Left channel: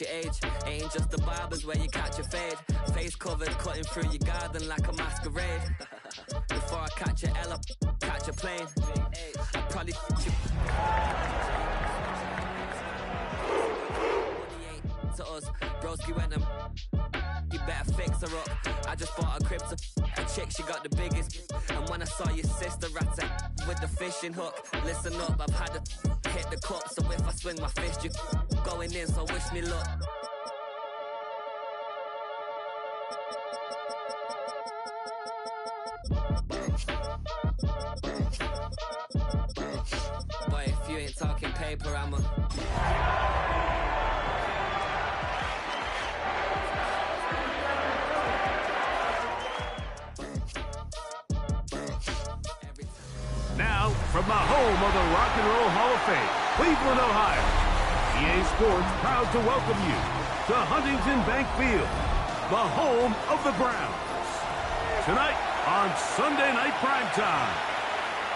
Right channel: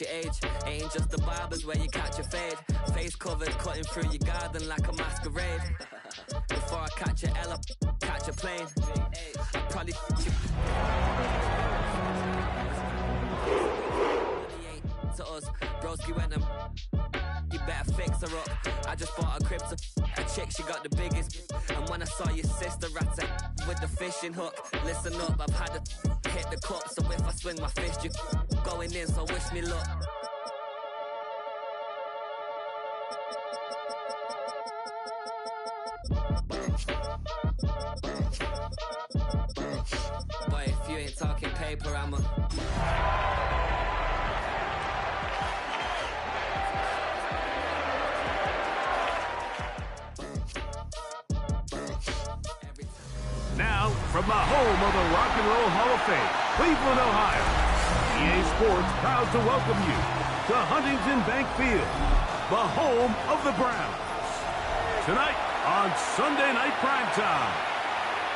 your age. Ain't just the barbers where you catch your fade. Face covered, cutting through your garden like a masquerade. Before I catch a L, catch a plane. I probably you. Money ain't to us. Broski went and you better fix her up. I just bought a crib to a chick, she got the biggest. And when I saw your sister at it with the fishing hook, listen up, I've had to hit the cup. So if I swing my fist, you going in, so wish me luck. Boy, if you ain't talking paper, I'm a... Now, from the home of the Rock and Roll Hall of Fame, Cleveland, Ohio, EA Sports proud to welcome you to Huntington Bank Field, the home of the Browns. Tonight on Sunday Night Primetime,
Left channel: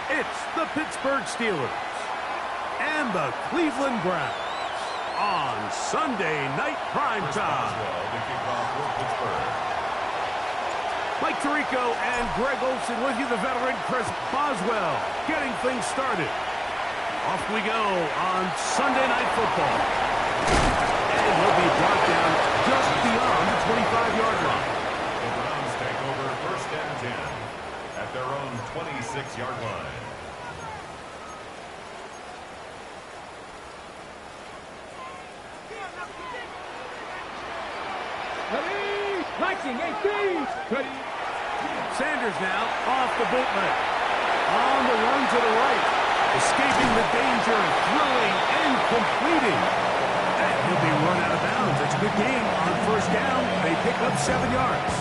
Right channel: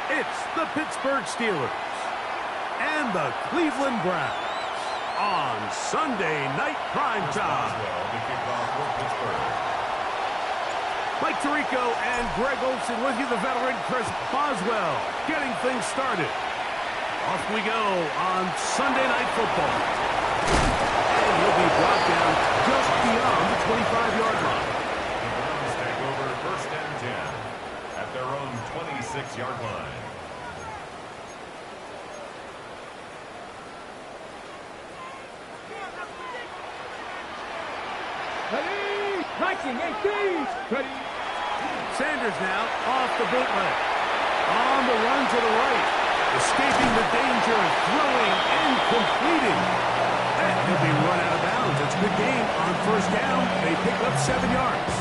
it's the Pittsburgh Steelers and the Cleveland Browns on Sunday Night Primetime. Mike Tirico and Greg Olsen with you, the veteran Chris Boswell, getting things started. Off we go on Sunday Night Football. And he'll be brought down just beyond the 25-yard line. The Browns take over 1st and 10 at their own 26-yard line. Ready, marching, 18, ready. Sanders now off the bootleg. On the run to the right. Escaping the danger and throwing and completing. And he'll be run out of bounds. It's a good game on 1st down. They pick up 7 yards.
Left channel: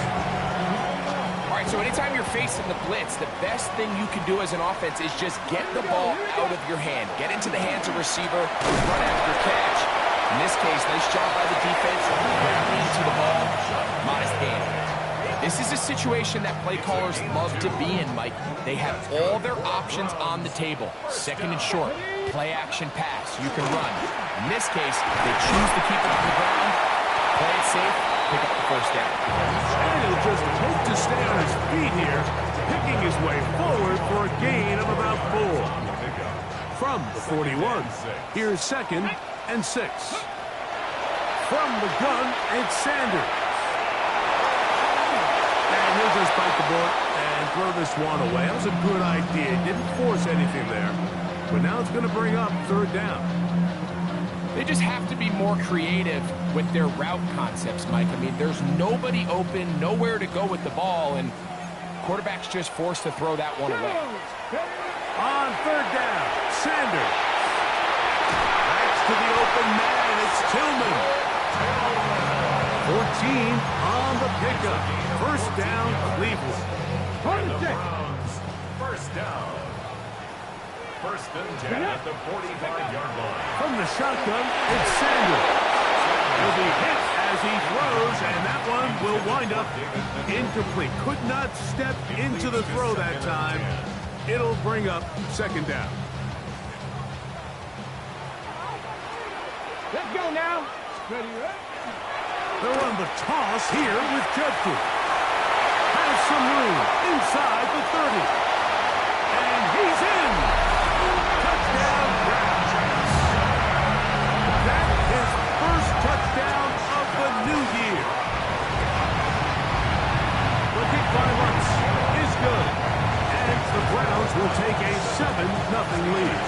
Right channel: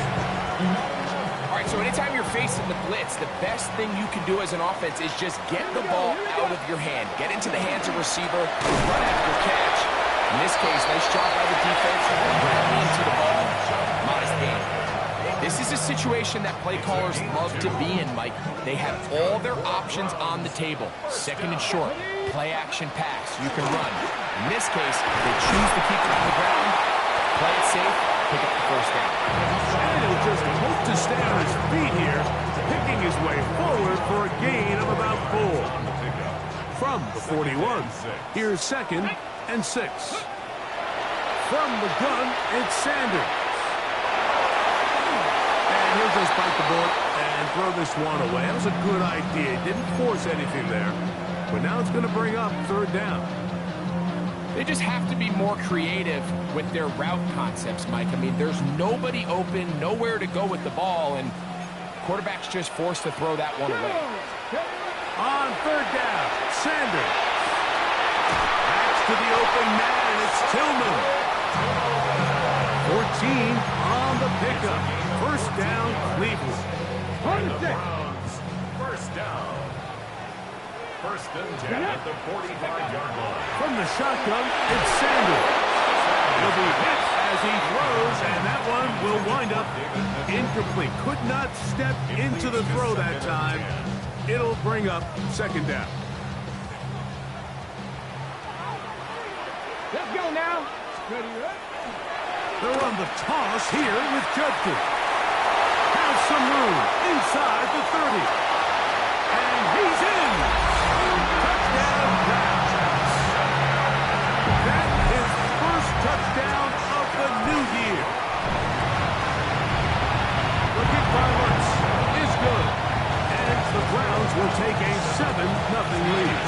All right, so anytime you're facing the blitz, the best thing you can do as an offense is just get the ball out of your hand. Get into the hands of receiver, run after catch. In this case, nice job by the defense, rallying to the ball, modest gain. This is a situation that play callers love to be in, Mike. They have all their options on the table. 2nd and short, play action pass, you can run. In this case, they choose to keep it on the ground, play it safe, pick up the 1st down. And he'll just hope to stay on his feet here, picking his way forward for a gain of about 4. From the 41, here's 2nd and 6. From the gun, it's Sanders. And he'll just bite the bullet and throw this one away. That was a good idea. Didn't force anything there. But now it's going to bring up 3rd down. They just have to be more creative with their route concepts, Mike. I mean, there's nobody open, nowhere to go with the ball, and quarterback's just forced to throw that one away. On 3rd down, Sanders. Backs to the open man. It's Tillman. 14 on the pickup. 1st down, Cleveland. And the Browns, 1st down. 1st and 10 at the 45-yard line. From the shotgun, it's Sanders. He'll be hit as he throws, and that one will wind up incomplete. Could not step into the throw that time. It'll bring up 2nd down. Let's go now. Ready, right? They're on the toss here with Judkins. Has some room inside the 30. And he's in. Touchdown, Browns. That is first touchdown of the new year. The kick by Lutz is good. And the Browns will take a 7-0 lead.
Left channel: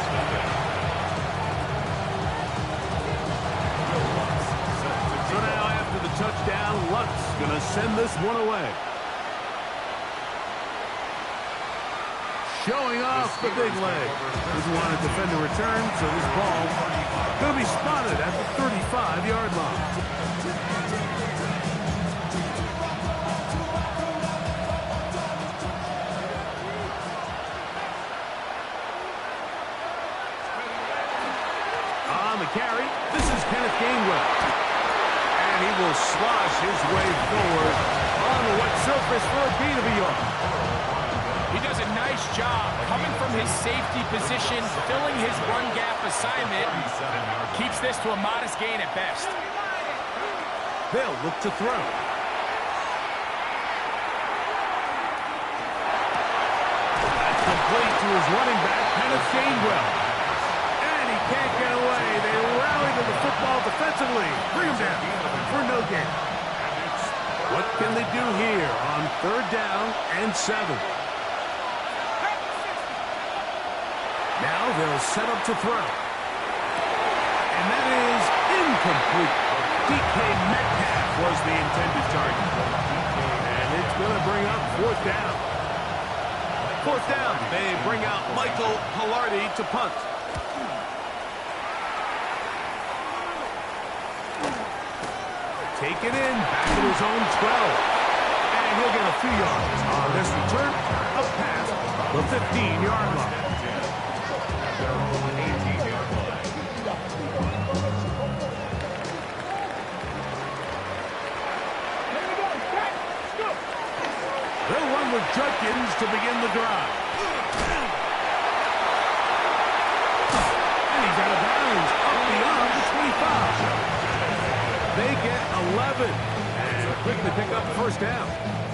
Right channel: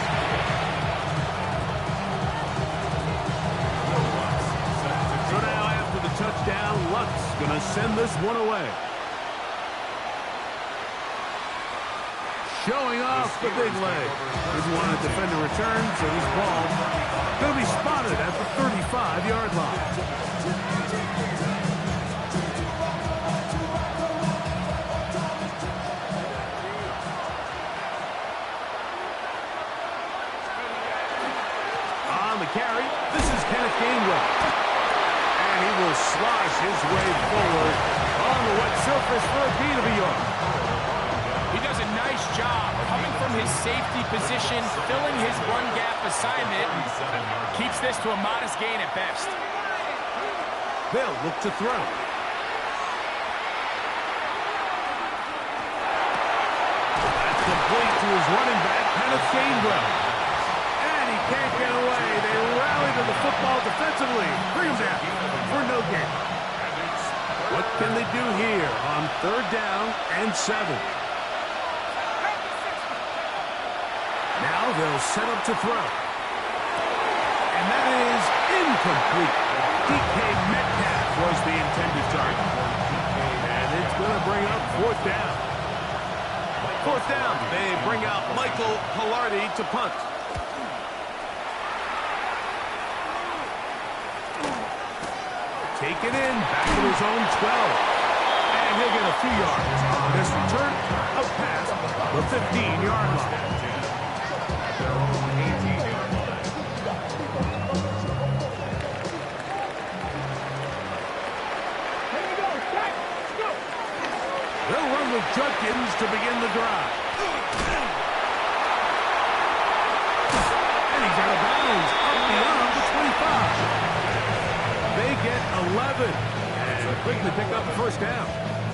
So now after the touchdown, Lutz going to send this one away. Showing off the big leg. Didn't want to defend a return, so this ball going to be spotted at the 35-yard line. On the carry, this is Kenneth Gainwell. And he will slosh his way forward on the wet surface for a gain of a yard. He does a nice job coming from his safety position, filling his run gap assignment. Keeps this to a modest gain at best. They'll look to throw. That's complete to his running back, Kenneth Gainwell. And he can't get away. They rally to the football defensively. Bring him down for no gain. What can they do here on 3rd down and 7? Now they'll set up to throw. And that is incomplete. DK Metcalf was the intended target. And it's going to bring up 4th down. 4th down. They bring out Michael Palardy to punt. Take it in, back to his own 12. And he'll get a few yards on this return, up past the 15-yard line. Their own 18-yard line. Here we go. Set. Go. They'll run with Judkins to begin the drive. And he's out of bounds, up beyond the 25. They get 11 and quickly pick up the 1st down.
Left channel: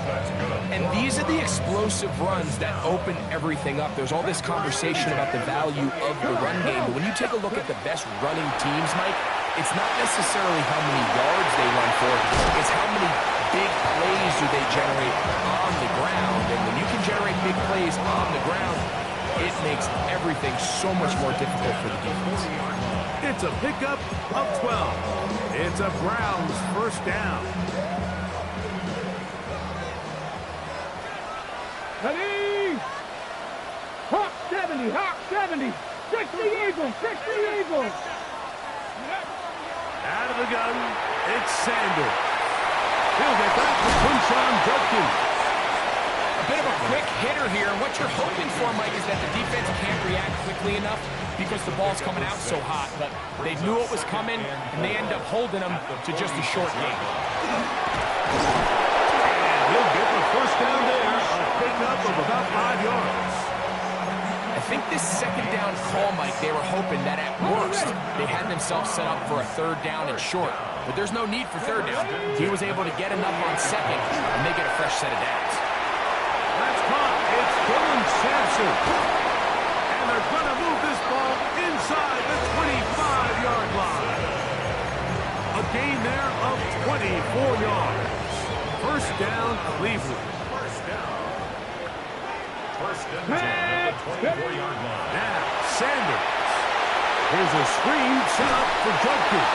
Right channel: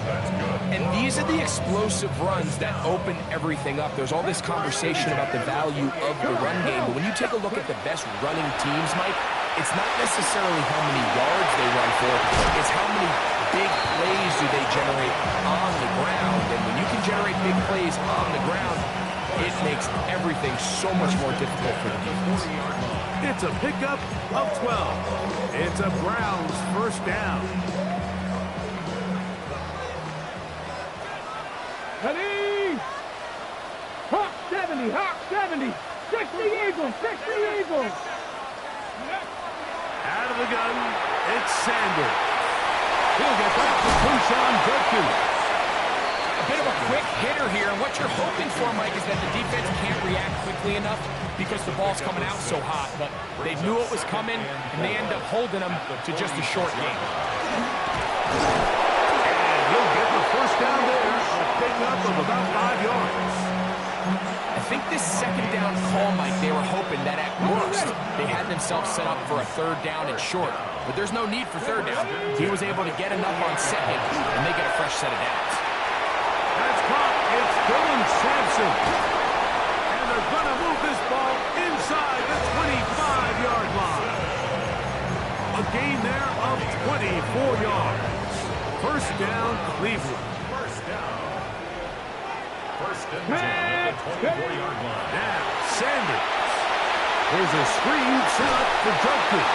That's good. And these are the explosive runs that open everything up. There's all this conversation about the value of the run game, but when you take a look at the best running teams, Mike, it's not necessarily how many yards they run for, it's how many big plays do they generate on the ground. And when you can generate big plays on the ground, it makes everything so much more difficult for the defense. It's a pickup of 12. It's a Browns 1st down. Ready. Hawk 70. Hawk 70. 60 Eagles. 60 Eagles. Out of the gun, it's Sanders. He'll get that to Quinshon Judkins. A bit of a quick hitter here, and what you're hoping for, Mike, is that the defense can't react quickly enough because the ball's coming out so hot. But they knew it was coming, and they end up holding them to just a short gain. And he'll get the 1st down there, a pickup of about 5 yards. I think this 2nd down call, Mike, they were hoping that at worst they had themselves set up for a 3rd down and short. But there's no need for 3rd down. He was able to get enough on 2nd, and they get a fresh set of downs. That's caught. It's Dylan Sampson. And they're going to move this ball inside the 25-yard line. A gain there of 24 yards. 1st down, Cleveland. 1st down. 1st and 10 at the 24-yard line. Now, Sanders. There's a screen set up for Judkins.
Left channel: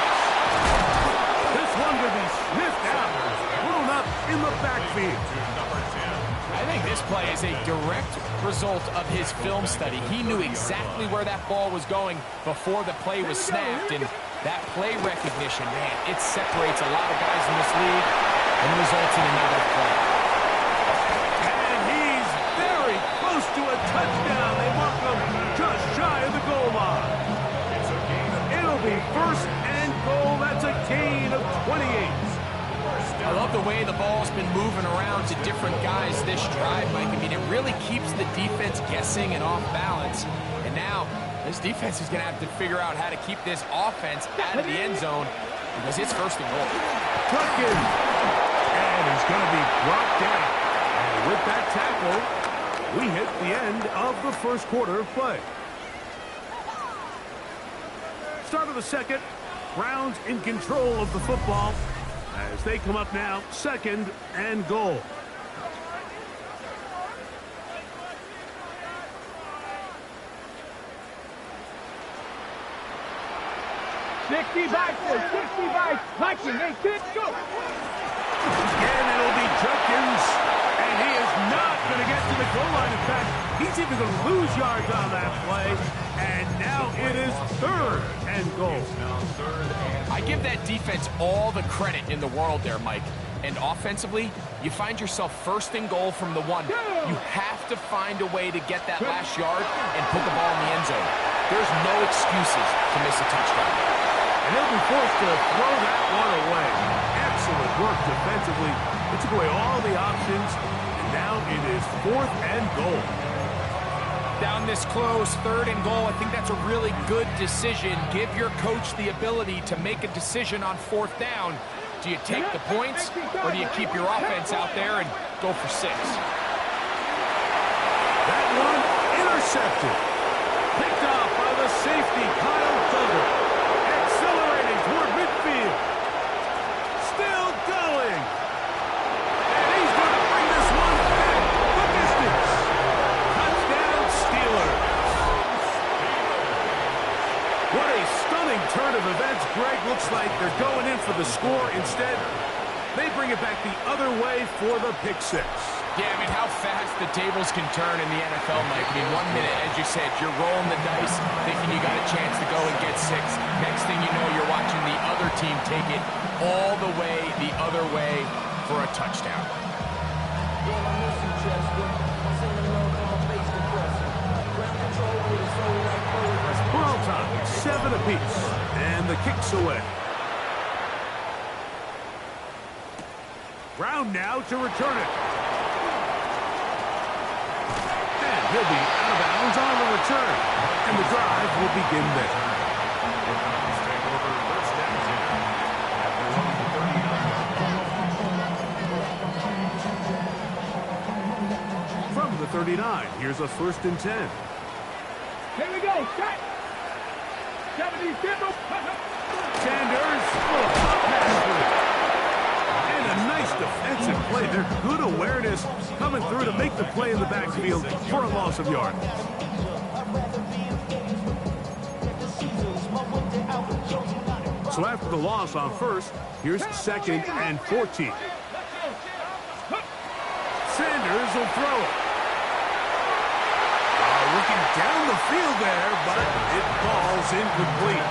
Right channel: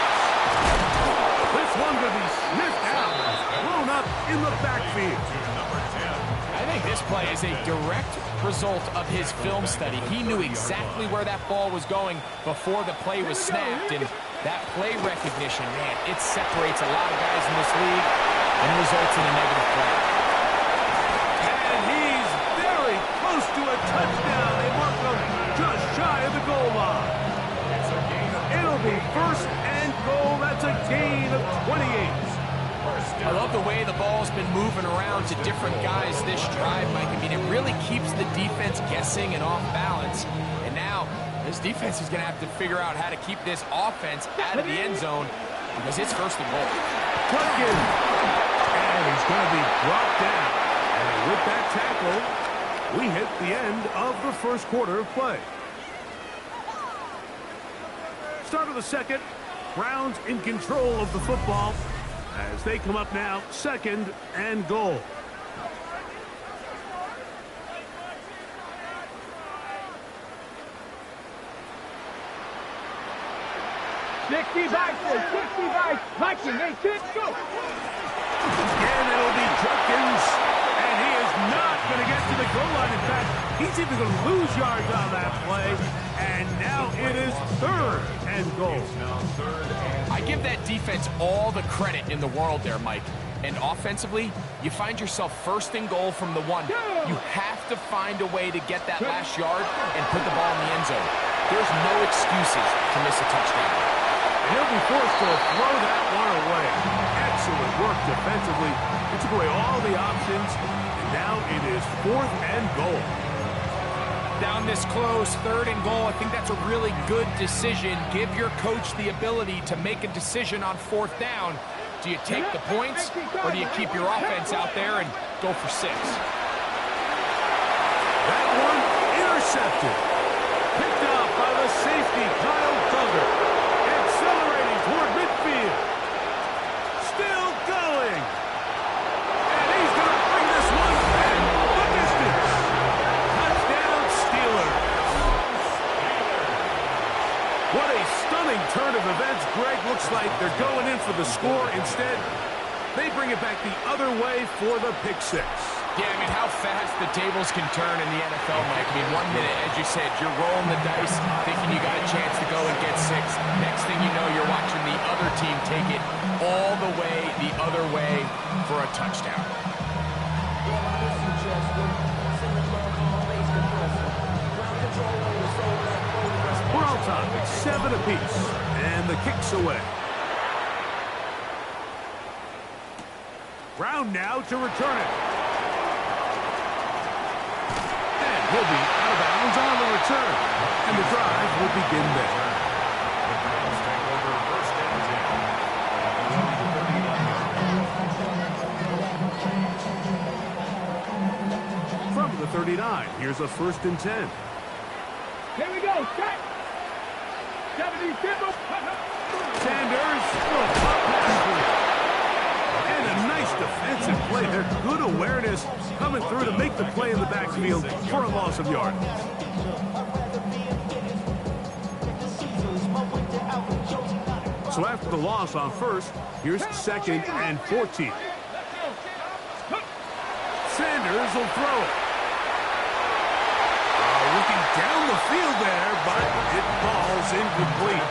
This one going to be sniffed out, thrown up in the backfield. To number 10. I think this play is a direct result of his film study. He knew exactly where that ball was going before the play was snapped, and that play recognition, man, it separates a lot of guys in this league and results in a negative play. And he's very close to a touchdown. They mark him just shy of the goal line. It's a gain of It'll be 1st and goal. That's a gain of 28. I love the way the ball's been moving around to different guys this drive, Mike. I mean, it really keeps the defense guessing and off balance. And now, this defense is going to have to figure out how to keep this offense out of the end zone because it's 1st and goal. Judkins. And he's going to be brought down. And with that tackle, we hit the end of the 1st quarter of play. Start of the 2nd. Browns in control of the football as they come up now, 2nd and goal. Sixty by 18, go! And it'll be Judkins, and he is not going to get to the goal line. In fact, he's even going to lose yards on that play, and now it is 3rd and goal. now 3rd and I give that defense all the credit in the world there, Mike. And offensively, you find yourself 1st and goal from the 1. You have to find a way to get that last yard and put the ball in the end zone. There's no excuses to miss a touchdown. And he'll be forced to throw that one away. Excellent work defensively. It took away all the options, and now it is 4th and goal. Down this close, 3rd and goal, I think that's a really good decision. Give your coach the ability to make a decision on 4th down Do you take the points, or do you keep your offense out there and go for 6? That one intercepted. Picked off by the safety, Kyle Duggar. Accelerating toward midfield. Still going. And he's going to bring this one back the distance. Touchdown Steelers. What a stunning turn of events. Greg, looks like they're going in for the score. Instead, they bring it back the other way for the pick 6. Yeah, I mean, how fast the tables can turn in the NFL, Mike. I mean, 1 minute, as you said, you're rolling the dice, thinking you got a chance to go and get 6. Next thing you know, you're watching the other team take it all the way the other way for a touchdown. We're on top, 7 apiece, and the kick's away. Brown now to return it. And he'll be out of bounds on the return. And the drive will begin there. The Browns take over first and 10 at their own 39. From the 39, here's a 1st and 10. Here we go. Set. 70 Timber. Sanders, little pop pass for it. And a nice defensive play there. Good awareness coming through to make the play in the backfield for a loss of yard. So after the loss on 1st, here's 2nd and 14. Sanders will throw it. Looking down the field there, but it falls incomplete.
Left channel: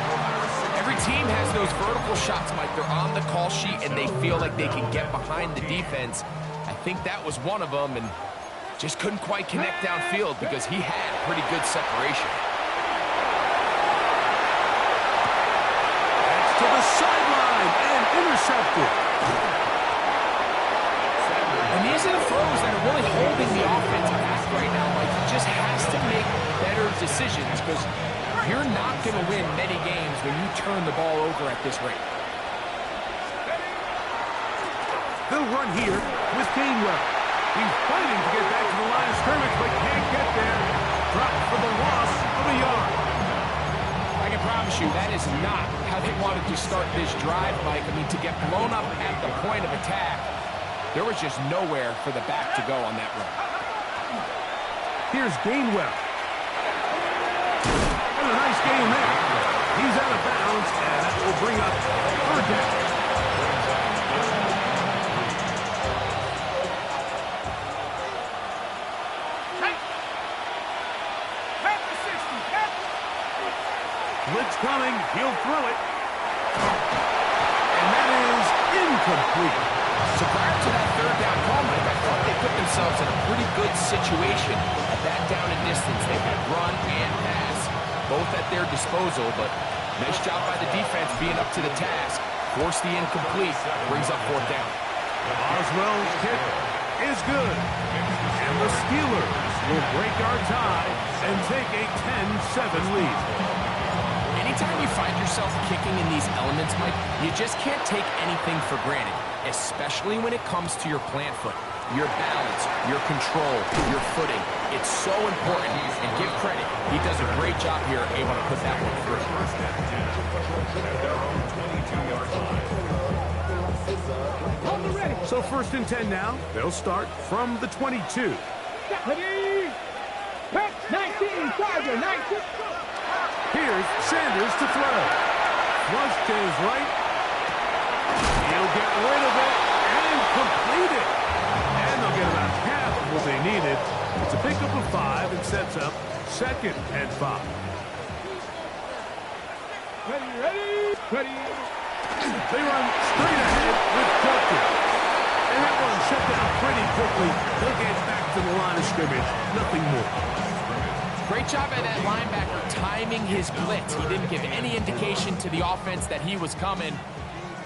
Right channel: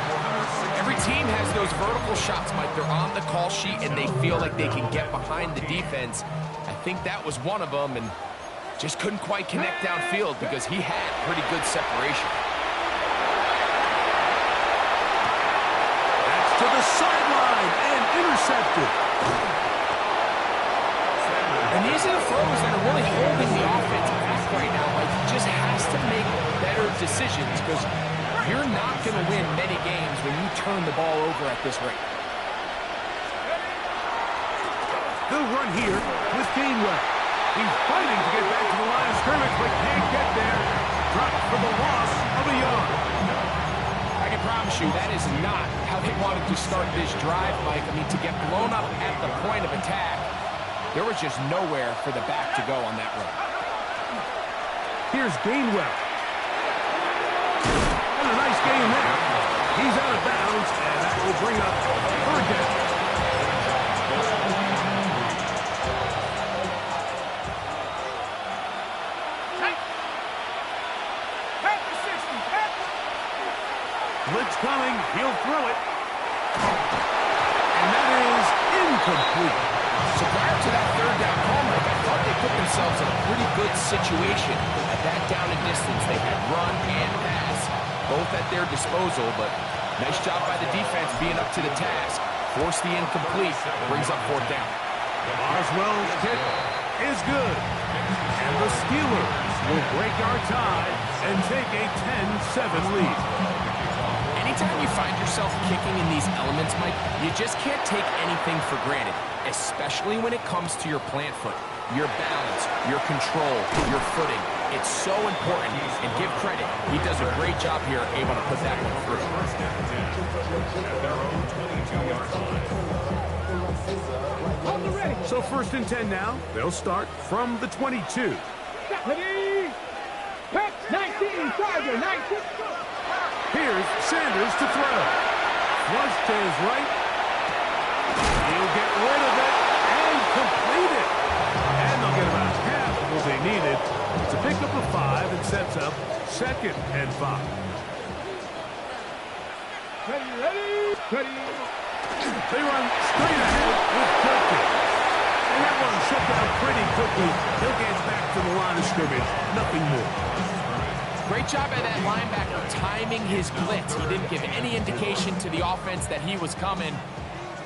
Every team has those vertical shots, Mike. They're on the call sheet, and they feel like they can get behind the defense. I think that was one of them, and just couldn't quite connect downfield because he had pretty good separation. That's to the sideline and intercepted. And these are the throws that are really holding the offense back right now, Mike. He just has to make better decisions because you're not going to win many games when you turn the ball over at this rate. They'll run here with Gainwell. He's fighting to get back to the line of scrimmage, but can't get there. Dropped for the loss of a yard. I can promise you that is not how they wanted to start this drive, Mike. I mean, to get blown up at the point of attack, there was just nowhere for the back to go on that run. Here's Gainwell. And a nice gain there. He's out of bounds, and that will bring up 3rd down. Blitz coming. He'll throw it. And that is incomplete. So prior to that 3rd down call, Mike, I thought they put themselves in a pretty good situation at that down and distance. They had run and pass, both at their disposal, but nice job by the defense being up to the task. Force the incomplete, brings up 4th down. Boswell's kick is good. And the Steelers will break our tie and take a 10-7 lead. Anytime you find yourself kicking in these elements, Mike, you just can't take anything for granted, especially when it comes to your plant foot, your balance, your control, your footing. It's so important, and give credit. He does a great job here, able to put that one through. First and 10 at their own 22-yard line. So 1st and 10 now. They'll start from the 22. 19, Charger, 19. Here's Sanders to throw. Flush to his right. He'll get rid of it and complete it. And they'll get about half of what they needed. It's a pickup of 5 and sets up 2nd and 5. Ready. They run straight ahead with Judkins. And that one shut down pretty quickly. He'll get back to the line of scrimmage. Nothing more. Great job by that linebacker timing his blitz. He didn't give any indication to the offense that he was coming,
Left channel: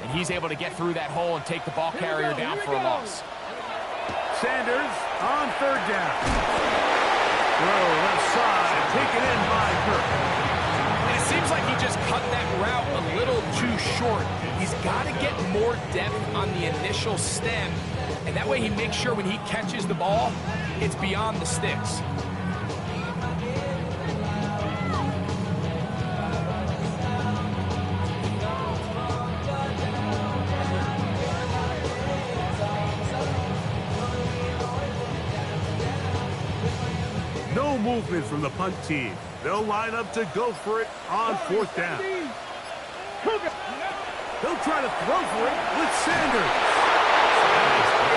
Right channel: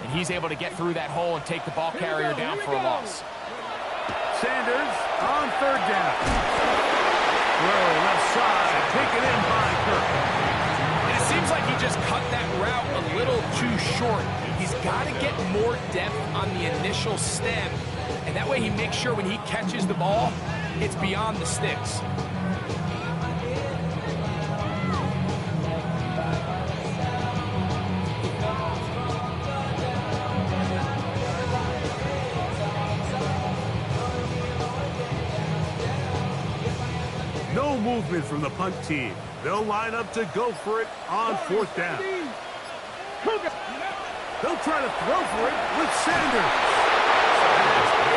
and he's able to get through that hole and take the ball carrier down for a loss. Sanders on 3rd down. Throw left side, taken in by Kirk. And it Seems like he just cut that route a little too short. He's got to get more depth on the initial stem, and that way he makes sure when he catches the ball, it's beyond the sticks. No movement from the punt team. They'll line up to go for it on 4th down. They'll try to throw for it with Sanders.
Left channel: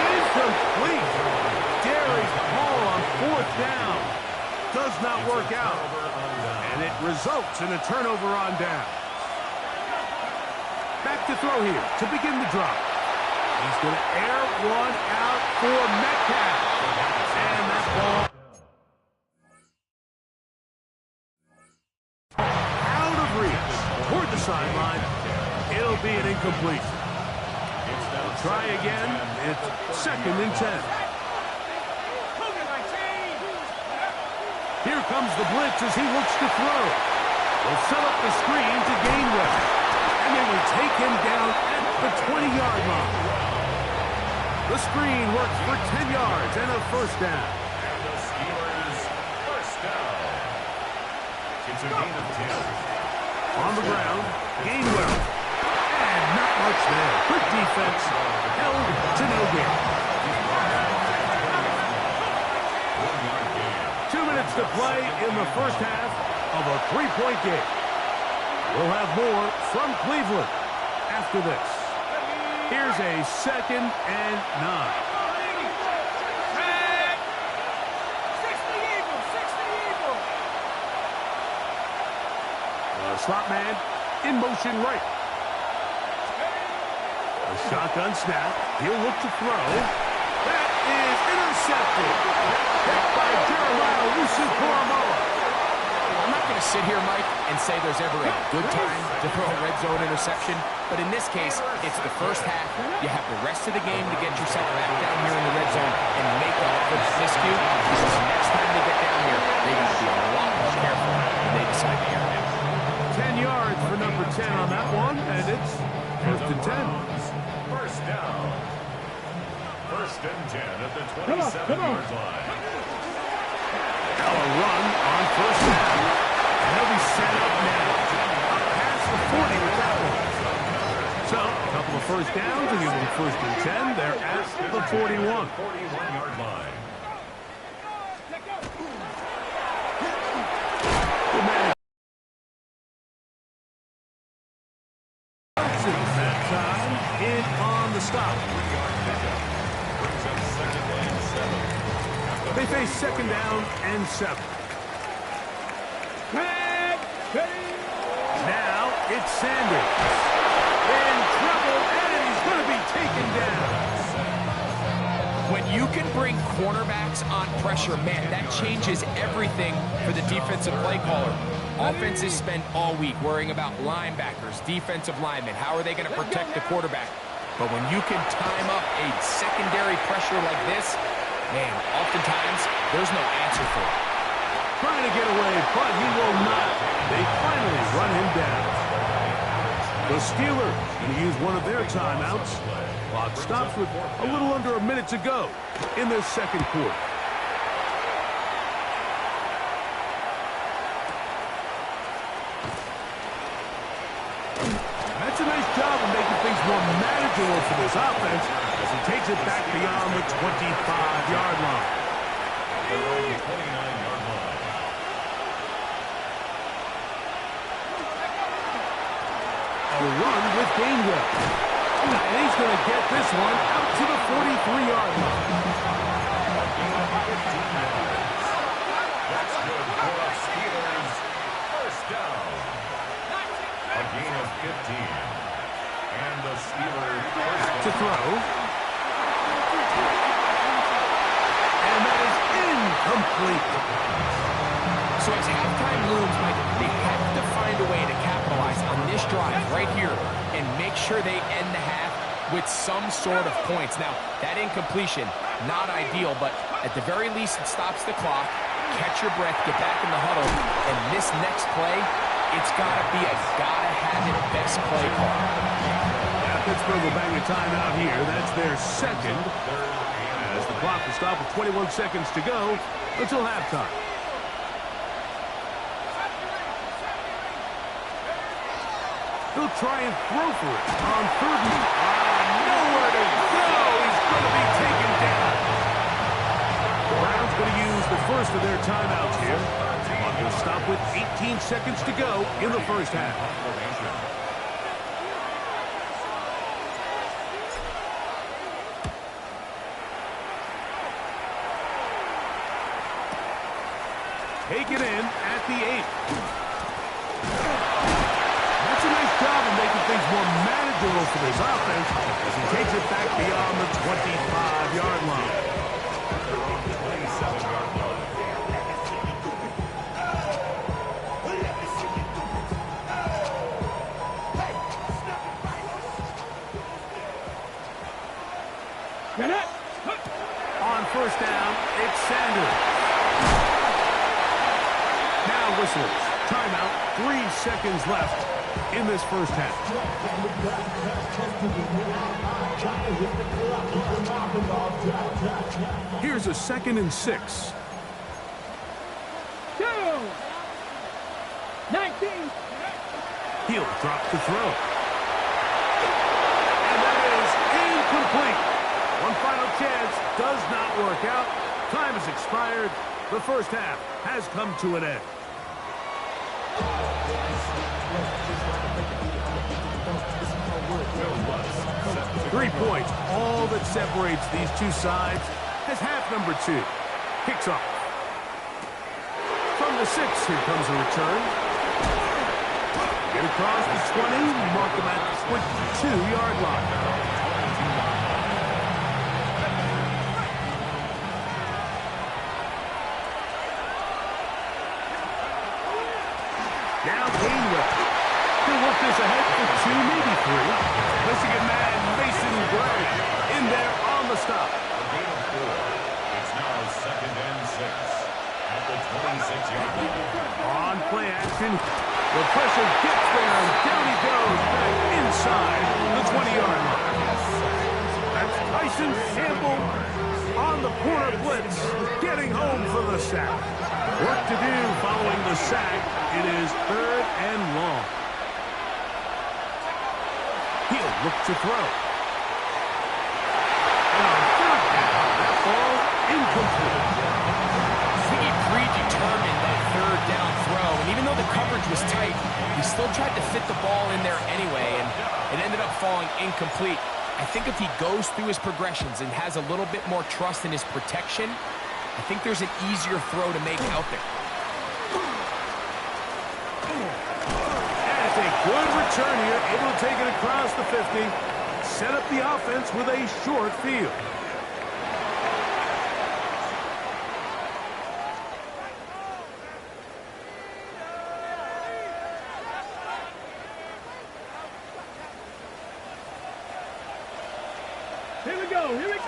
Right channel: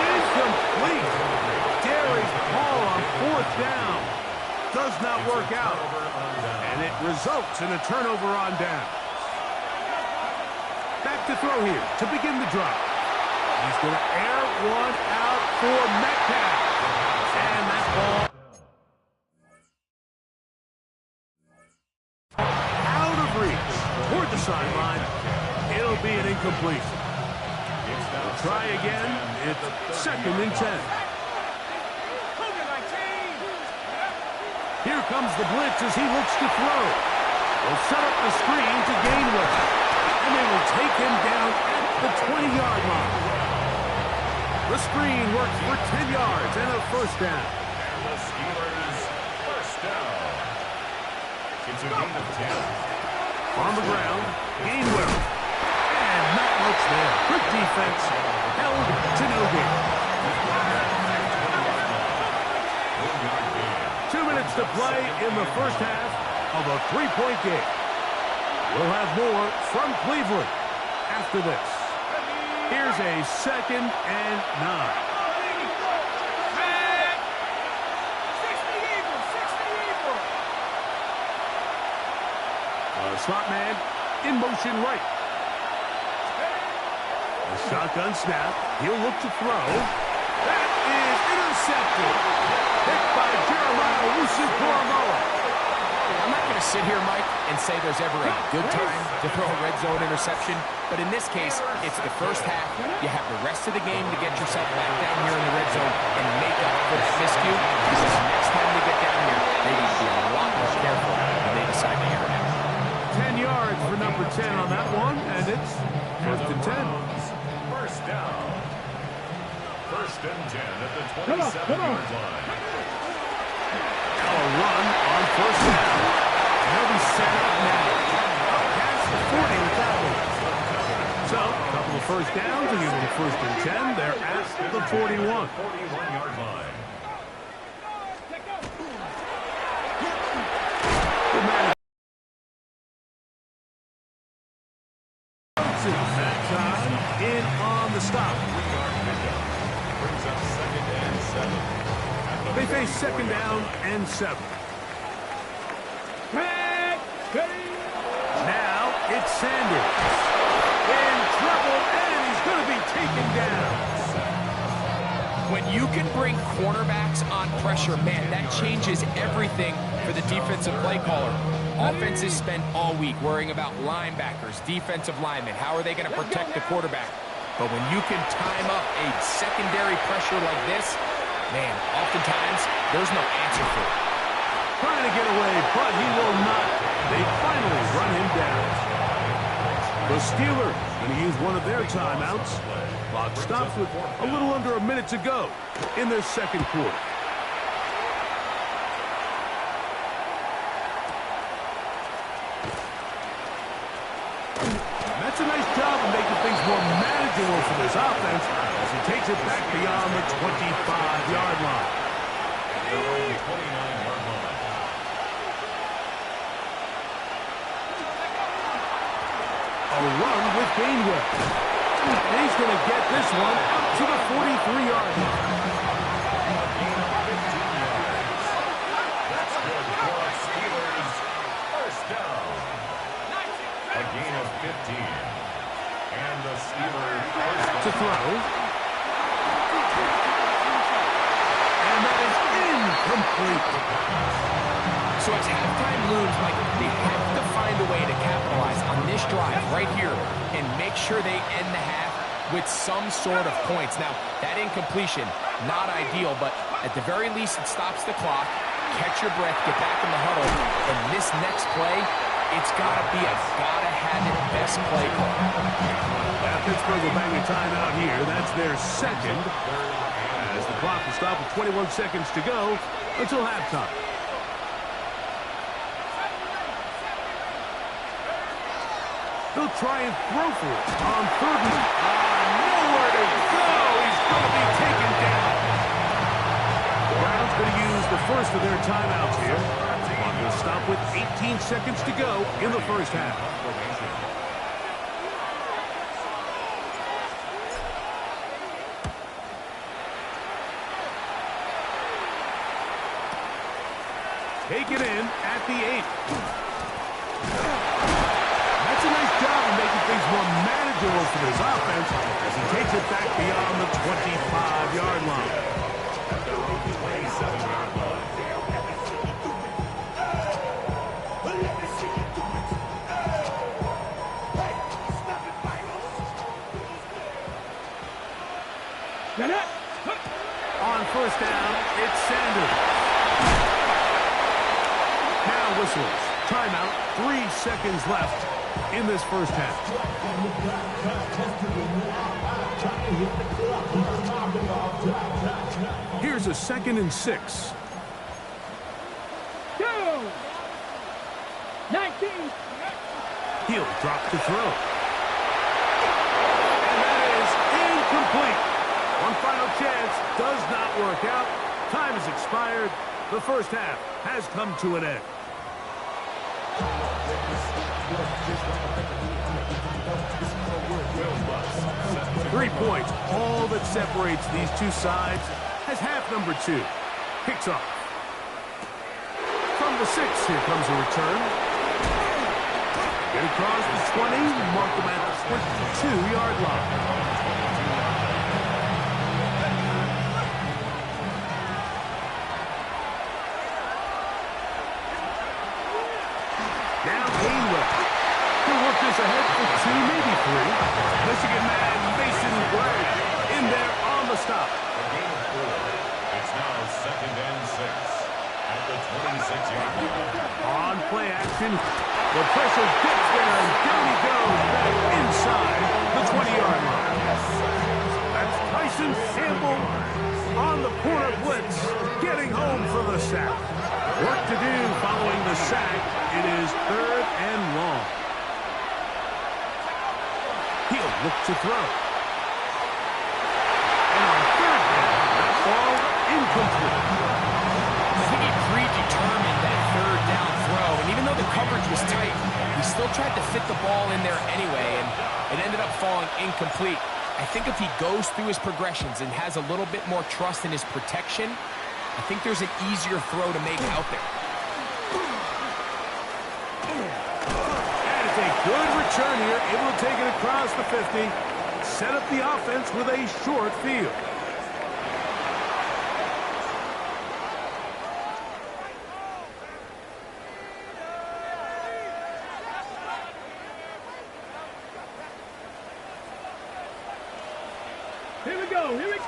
Incomplete. Darius Hall on 4th down. Does not work out. And it results in a turnover on down. Back to throw here to begin the drop. He's going to air one out for Metcalf. And that ball out of reach toward the sideline. It'll be an incompletion. We'll try again. It's 2nd and 10. Here comes the blitz as he looks to throw. Will set up the screen to Gainwell. And they will take him down at the 20-yard line. The screen works for 10 yards and a 1st down. And the Steelers' 1st down. It's a gain of 10. On the ground, Gainwell. And not much there. Good defense. Held to no gain. 2 minutes to play in the 1st half of a 3-point game. We'll have more from Cleveland after this. Here's a 2nd and 9. Slot man in motion right. A shotgun snap. He'll look to throw. That is intercepted. Picked by Jeremiah Owusu-Koramoah. I'm not going to sit here, Mike, and say there's ever a good time to throw a red zone interception, but in this case, it's the 1st half. You have the rest of the game to get yourself back down here in the red zone and make up for that miscue, because next time they get down here, they got to be a lot more careful when they decide to air it out. 10 yards for number 10 on that one, and it's 1st and 10. 1st down. 1st and 10 at the 27-yard line. Now a run on 1st down. And they'll be set up now. Up past the 40 with that one. So, a couple of 1st downs to give them 1st and 10. They're at the 41. 41-yard line. Good man. That time in on the stop. 3-yard pickup. Brings up 2nd and 7. They face 2nd down and 7. Now it's Sanders. In trouble, and he's going to be taken down. When you can bring cornerbacks on pressure, man, that changes everything for the defensive play caller. Offenses spend all week worrying about linebackers, defensive linemen. How are they going to protect the quarterback? But when you can time up a secondary pressure like this, man, oftentimes there's no answer for it. Trying to get away, but he will not. They finally run him down. The Steelers going to use one of their timeouts. Clock stops with a little under a minute to go in their 2nd quarter. That's a nice job of making things more manageable for this offense as he takes it back beyond the 25-yard line. Their own 29-yard line. A run with Gainwell. And he's going to get this one out to the 43-yard line. A gain of 15 yards. That's good for a Steelers 1st down. A gain of 15. And the Steelers 1st down. To throw. And that is incomplete. So as halftime looms, Mike, they have to find a way to capitalize on this drive right here and make sure they end the half with some sort of points. Now, that incompletion, not ideal, but at the very least, it stops the clock. Catch your breath, get back in the huddle, and this next play it's got to be a gotta-have-it best play call. Yeah, Pittsburgh will bang a timeout here. That's their second. As the clock will stop with 21 seconds to go until halftime. He'll try and throw for it on third and... nowhere to go. He's going to be taken down. The Browns going to use the first of their timeouts here. Clock will stop with 18 seconds to go in the first half. Taken in at the 8. That's a nice job of making things more manageable for this offense as he takes it back beyond the 25-yard line. At their own 27-yard line. Get it! On first down, it's Sanders. Now whistles. Timeout. 3 seconds left in this first half. Here's a 2nd and 6. 2. 19. He'll drop to throw. And that is incomplete. One final chance does not work out. Time has expired. The first half has come to an end. Will 3 points, all that separates these two sides, as half number 2 kicks off. From the 6, here comes a return. Get across the 20, mark him at the 22-yard line. Now Gainwell. He'll work this ahead for 2, maybe 3. Michigan man Mason Gray in there on the stop. A gain of 4. It's now 2nd and 6 at the 26-yard line. On play action, the pressure gets there, and down he goes back inside the 20-yard line. That's Tyson Campbell on the corner blitz, getting home for the sack. Work to do following the sack. It is 3rd and long. He'll look to throw. And on 3rd down, that ball incomplete. I think he predetermined that 3rd down throw, and even though the coverage was tight, he still tried to fit the ball in there anyway, and it ended up falling incomplete. I think if he goes through his progressions and has a little bit more trust in his protection, I think there's an easier throw to make out there. And it's a good return here, able to take it across the 50, set up the offense with a short field. Here we go. Here we go.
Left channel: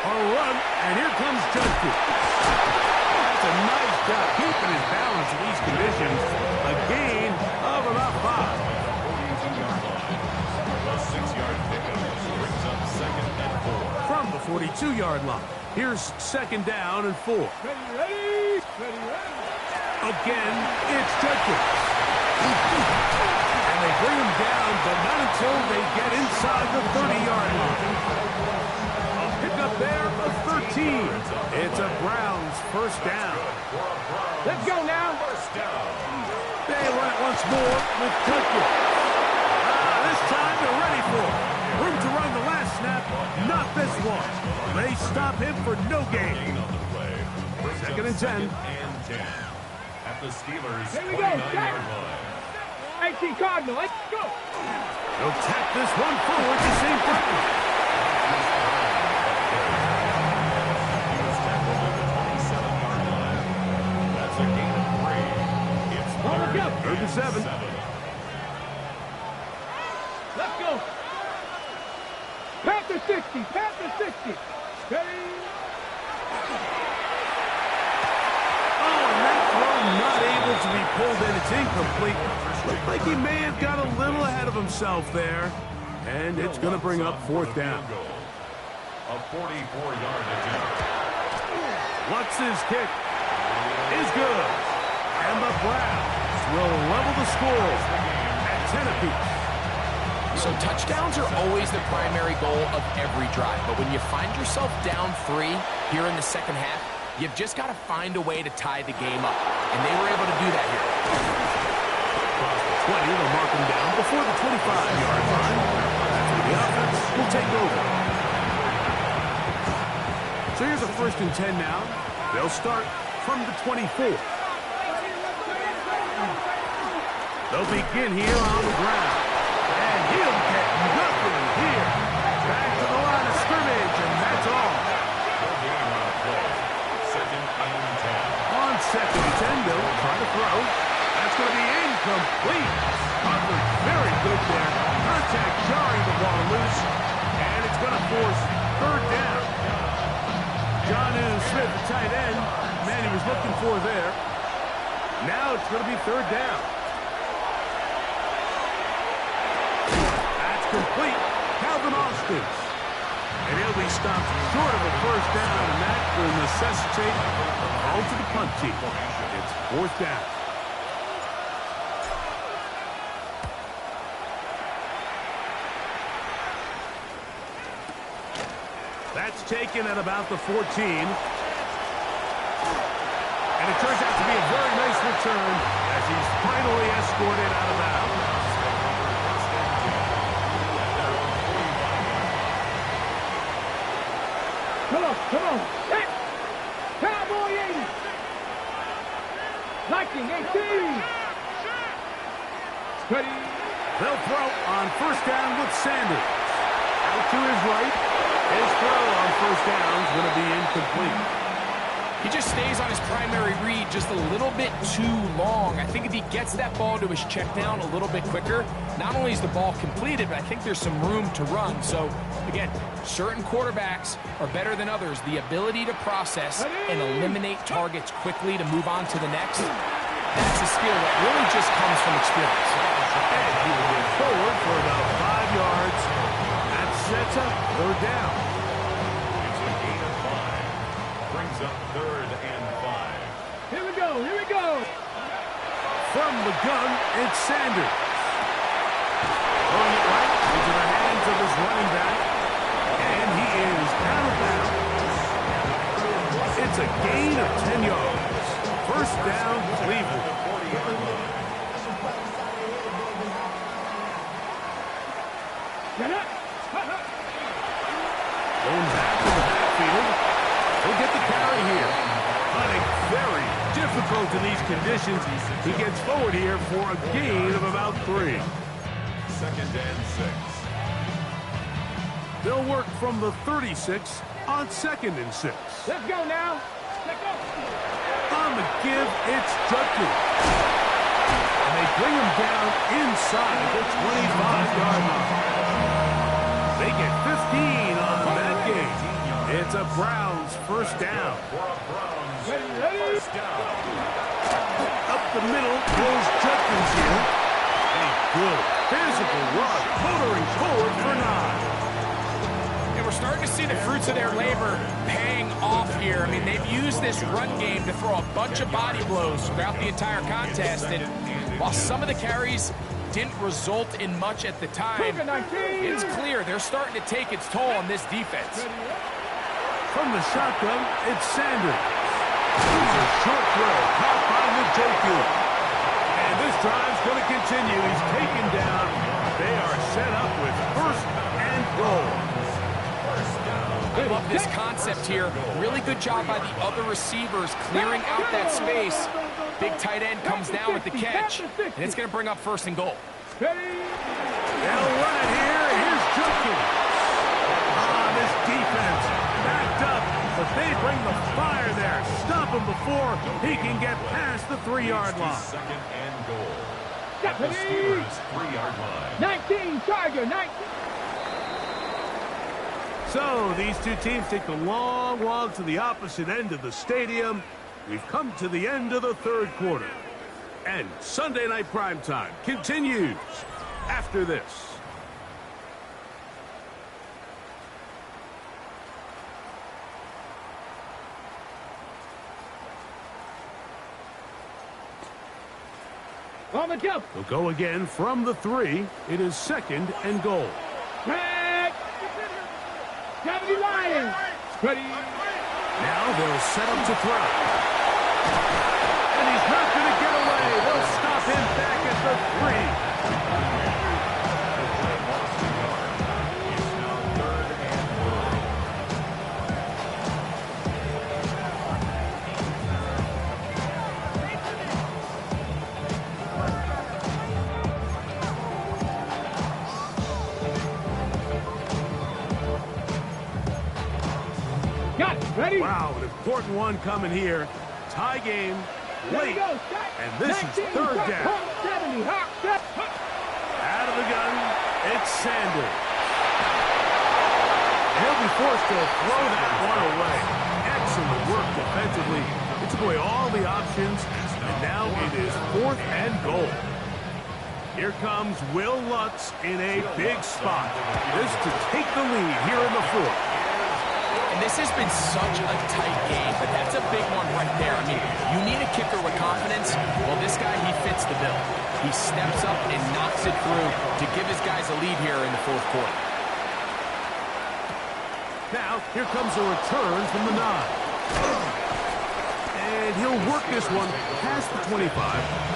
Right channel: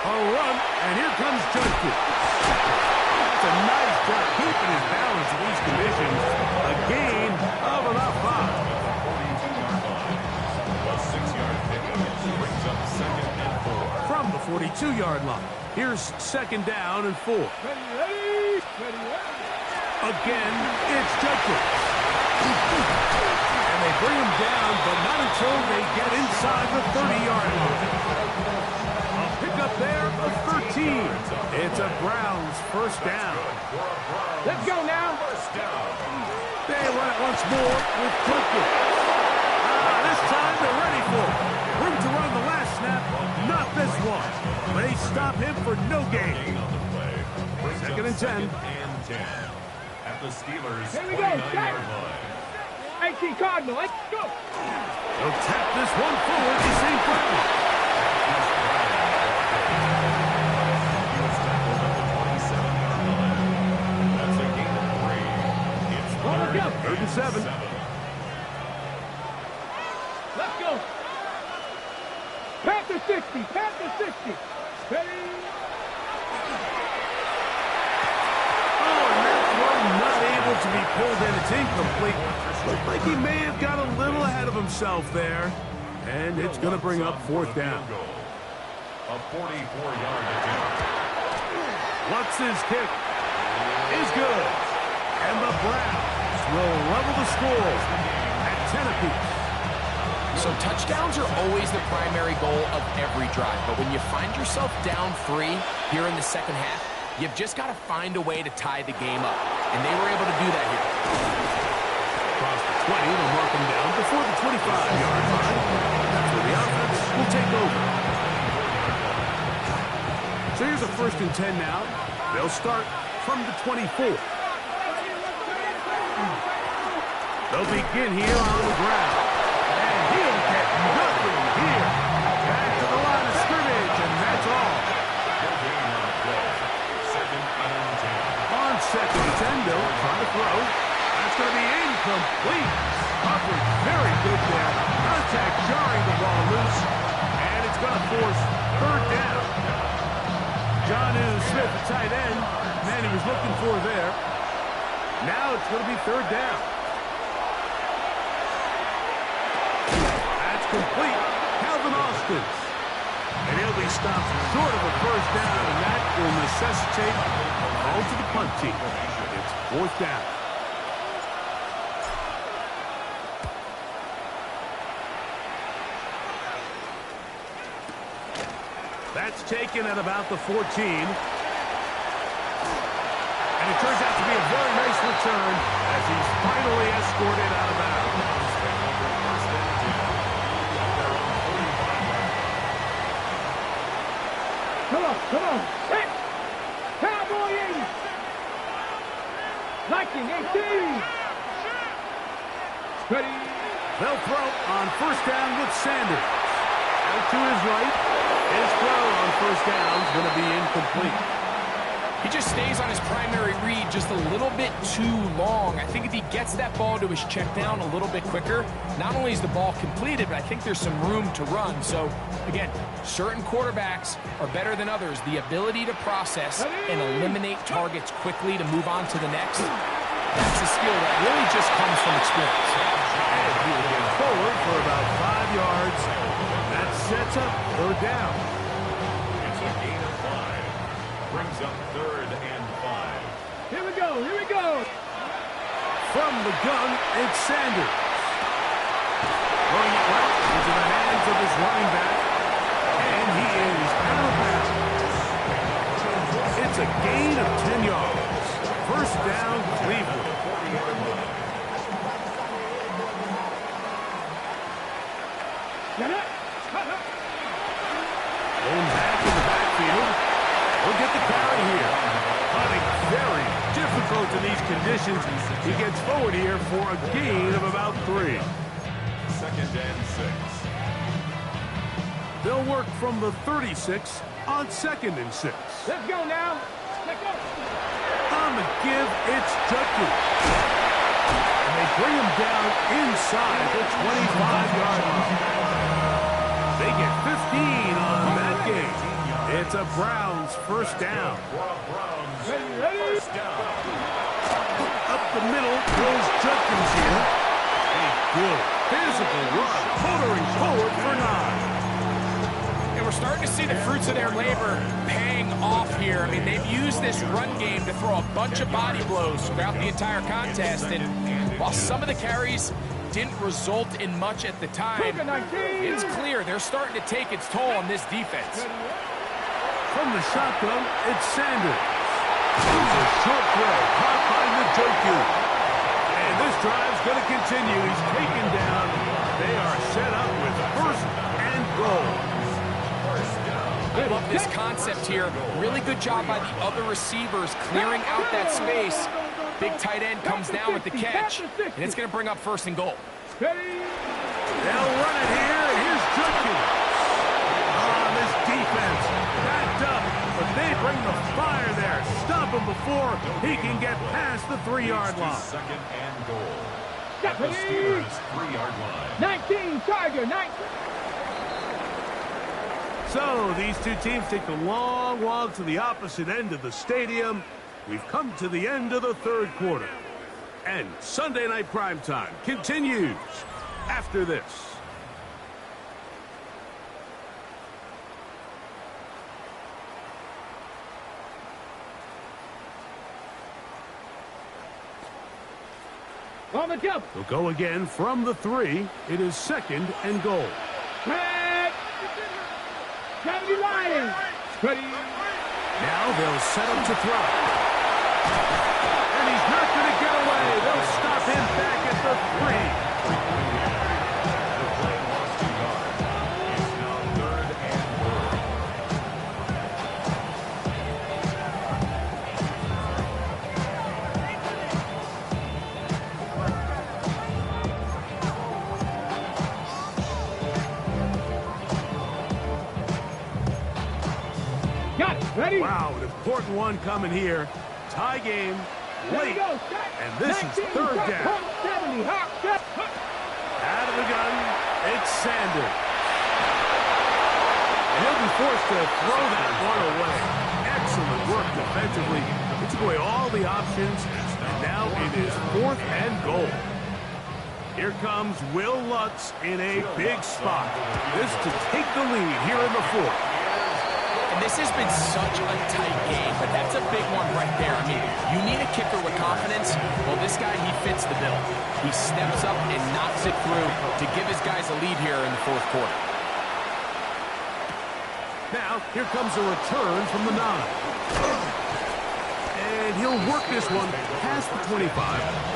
A run, and here comes Judkins. That's a nice job keeping his balance in these conditions. A gain of about 5. The 42-yard line. The 6-yard pickup brings up 2nd and 4. From the 42-yard line, here's 2nd down and 4. Ready, ready. Ready, ready. Again, it's Judkins. And they bring him down, but not until they get inside the 30-yard line. A pickup there of 13. It's a Browns first down. Let's go now. First down. They run it once more with Judkins. This time they're ready for it. Room to run the last snap, not this one. They stop him for no gain. Gain on the play. Brings up 2nd and 10. 2nd and 10. At the Steelers' Here we go, 29-yard line. 18 Cardinal. Let's go. They'll tap this one forward to St. Brenton. He was tackled at the 27-yard line. That's a gain of 3. It's Ball go. 3rd and 7. Let's go. Panther 60. Panther 60. Ready. Oh, and that throw not able to be pulled in. It's incomplete. Looked like he may have got a little ahead of himself there. And it's going to bring up fourth down. A 44-yard attempt. What's his kick? Is good. And the Browns will level the score at 10 apiece. So touchdowns are always the primary goal of every drive. But when you find yourself down 3 here in the second half, you've just got to find a way to tie the game up. And they were able to do that here. Across the 20, they'll mark him down before the 25-yard line. That's where the offense will take over. So here's a 1st and 10 now. They'll start from the 24. They'll begin here on the ground. And he'll get nothing here. Back to the line of scrimmage, and that's all. No gain on a play. 2nd and 10. On 2nd and 10, they'll try to throw. That's going to be incomplete. Covered very good there. Contact jarring the ball loose. And it's going to force 3rd down. Jonnu Smith, the tight end. Man, he was looking for there. Now it's going to be 3rd down. That's complete. Calvin Austin. And he'll be stopped short of a 1st down, and that will necessitate a call to the punt team. It's 4th down. That's taken at about the 14. And it turns out to be a very nice return as he's finally escorted out of bounds. Come on. Set. Cowboy 80. Lightning 18. Ready. They'll throw on 1st down with Sanders. Out to his right. His throw on 1st down is going to be incomplete. He just stays on his primary read just a little bit too long. I think if he gets that ball to his check down a little bit quicker, not only is the ball completed, but I think there's some room to run. So, again, certain quarterbacks are better than others. The ability to process and eliminate targets quickly to move on to the next, that's a skill that really just comes from experience. And he will get forward for about 5 yards. That sets up 3rd down. It's a gain of 5. Brings up 3rd and 5. Here we go. From the gun, it's Sanders. Throwing it right into the hands of his running back. And he is out of bounds. It's a gain of 10 yards. 1st down, Cleveland. Going back in the backfield. He'll get the carry here. Hunting very difficult in these conditions. He gets forward here for a gain of about 3. 2nd and 6. They'll work from the 36 on 2nd and 6. Let's go now. Let's go. On the give, it's Judkins. And they bring him down inside the 25-yard line. They get 15 on that game. It's a Browns 1st down. Ready. Up the middle goes Judkins here. A good physical run, motoring forward for 9. And we're starting to see the fruits of their labor paying off here. I mean, they've used this run game to throw a bunch of body blows throughout the entire contest. And while some of the carries didn't result in much at the time, it's clear they're starting to take its toll on this defense. From the shotgun, it's Sanders. It's a short throw, caught by Njoku. And this drive's going to continue. He's taken down. They are set up with 1st and goal. I love this concept here. Really good job by the other receivers clearing out that space. Big tight end comes down with the catch, and it's going to bring up 1st and goal. They'll run it here, and here's Judkins. This defense backed up, but they bring the fire there. Stop him before he can get past the 3-yard line. 2nd and goal. At the Steelers' 3-yard line. 19, Tiger, 19. So these two teams take the long walk to the opposite end of the stadium. We've come to the end of the 3rd quarter. And Sunday Night Primetime continues after this. On the jump. They'll go again from the 3. It is 2nd and goal. Back. 70 Lions. Ready. Now they'll set up to throw. And he's not going to get away. They'll stop him back at the 3. The play lost a yard. It's now 3rd and goal. Got it. Ready. Wow, an important one coming here. Tie game, There late, you go. Start. and this is 19, 3rd hop, down. hop, 70. Hop, step. Out of the gun, it's Sanders. And he'll be forced to throw that one away. Excellent work defensively. It took away all the options, and now it is 4th and goal. Here comes Will Lutz in a big spot. This to take the lead here in the 4th. And this has been such a tight game, but that's a big one right there. I mean, you need a kicker with confidence. Well, this guy, he fits the bill. He steps up and knocks it through to give his guys a lead here in the 4th quarter. Now, here comes a return from the 9. And he'll work this one past the 25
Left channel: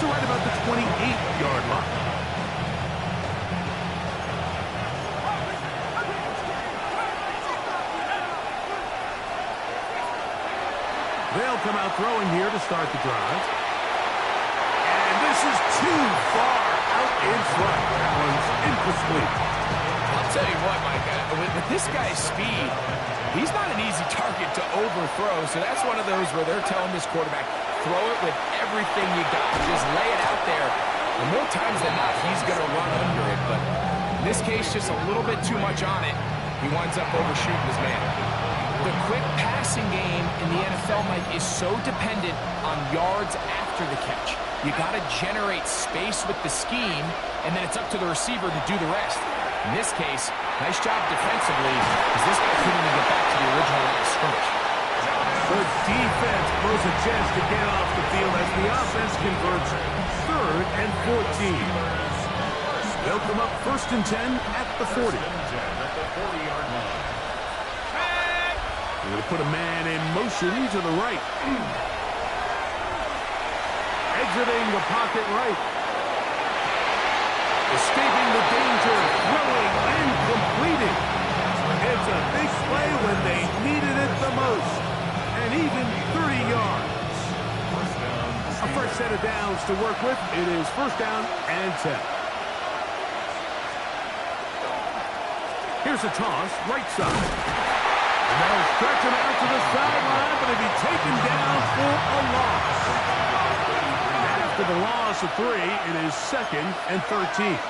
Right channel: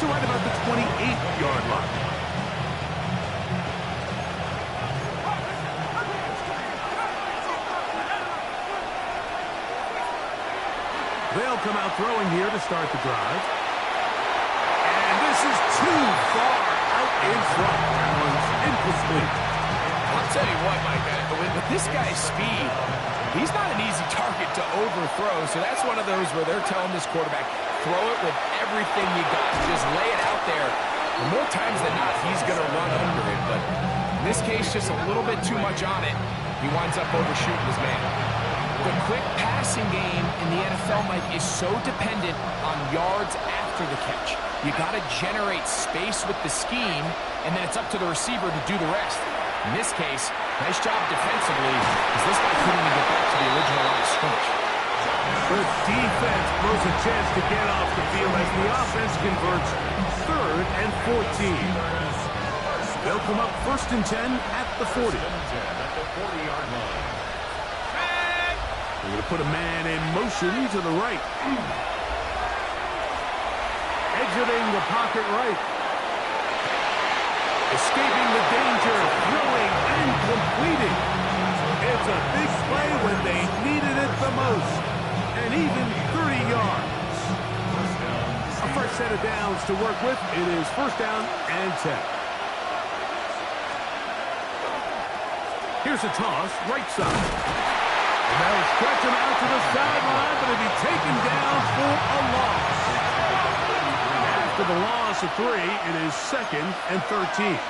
to right about the 28-yard line. They'll come out throwing here to start the drive. And this is too far out in front. That one's incomplete. I'll tell you what, Mike, with this guy's speed, he's not an easy target to overthrow, so that's one of those where they're telling this quarterback, throw it with everything you got. Just lay it out there. And more times than not, he's going to run under it, but in this case, just a little bit too much on it. He winds up overshooting his man. The quick passing game in the NFL, Mike, is so dependent on yards after the catch. You got to generate space with the scheme, and then it's up to the receiver to do the rest. In this case, nice job defensively, because this guy couldn't even get back to the original line of scrimmage. The defense blows a chance to get off the field as the offense converts 3rd and 14. They'll come up 1st and 10 at the 40. 1st and 10 at the 40-yard line. They're going to put a man in motion to the right. Exiting the pocket right. Escaping the danger, throwing and completing. It's a big play when they needed it the most. And even 30 yards. A fresh set of downs to work with. It is 1st down and 10. Here's a toss, right side. And they'll stretch him out to the sideline, but he'll be taken down for a loss. After the loss of 3, it is 2nd and 13.